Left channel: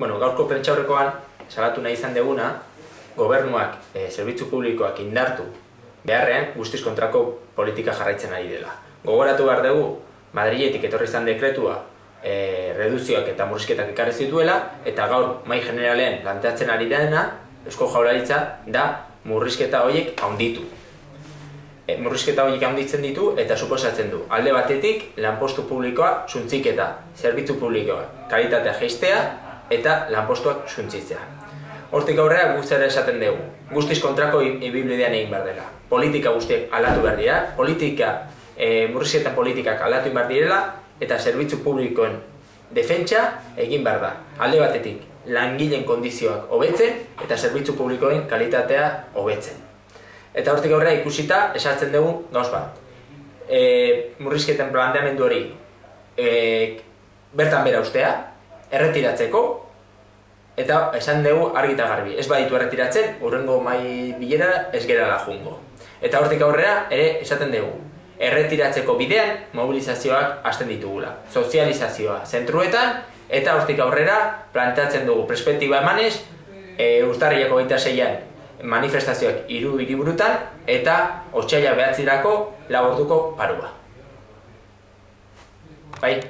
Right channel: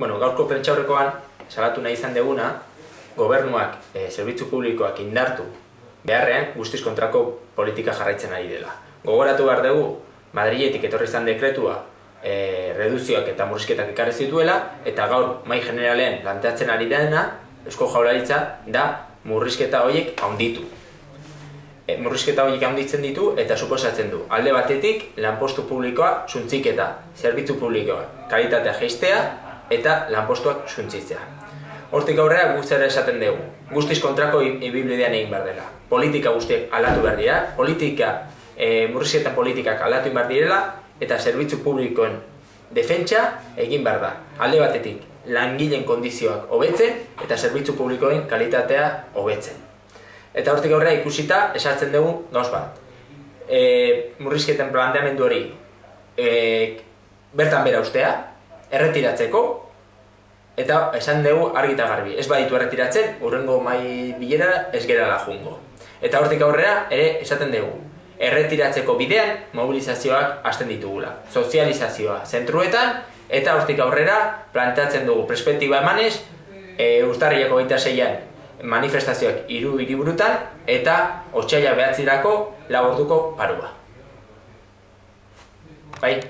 Gaurko prentsaurrekoan salatu nahi izan deguna, gobernuak zerbitzu publikoak indartu beharrean guztiz kontrako politika jarraitzen ari dela. Gogoratu behar dugu, Madriletik etorri izan dekretua reduzioak eta murrizketak ekarri zituela, eta gaur mahai generalean planteatzen ari dena, Eusko Jaurlaritza da murrizketa horiek handitu. Murrizketa horiek handitzen ditu eta suposatzen du alde batetik lanpostu publikoa suntziketa, zerbitzu publikoa kalitatea jaistea eta lanpostuak suntzitzea. Hortik aurrera guztiara esaten dugu, guztiz kontrako ibilbidean egin behar dela. Politika guztiak aldatu behar dira, murrizketan politikak aldatu behar direla eta zerbitzu publikoen defentsa egin behar da. Alde batetik langileen kondizioak hobetzen eta zerbitzu publikoen kalitatea hobetzen. Eta hortik aurrera ikusita esatzen dugu gauz bat. Murrizketen planteamendu hori bertan bera ustea, erretiratzeko, eta esan dugu argi eta garbi. Ez baditu erretiratzen, hurrengo mahai bilera ez gerala jungo. Eta hortik aurrera ere esaten dugu. Erretiratzeko bidean mobilizazioak hasten ditugula. Sozializazioa zentruetan, eta hortik aurrera planteatzen dugu perspektiba emanez, urtarrilako 26an manifestazioak 3 hiriburutan eta otsaila 9 4 orduko parua. Bai?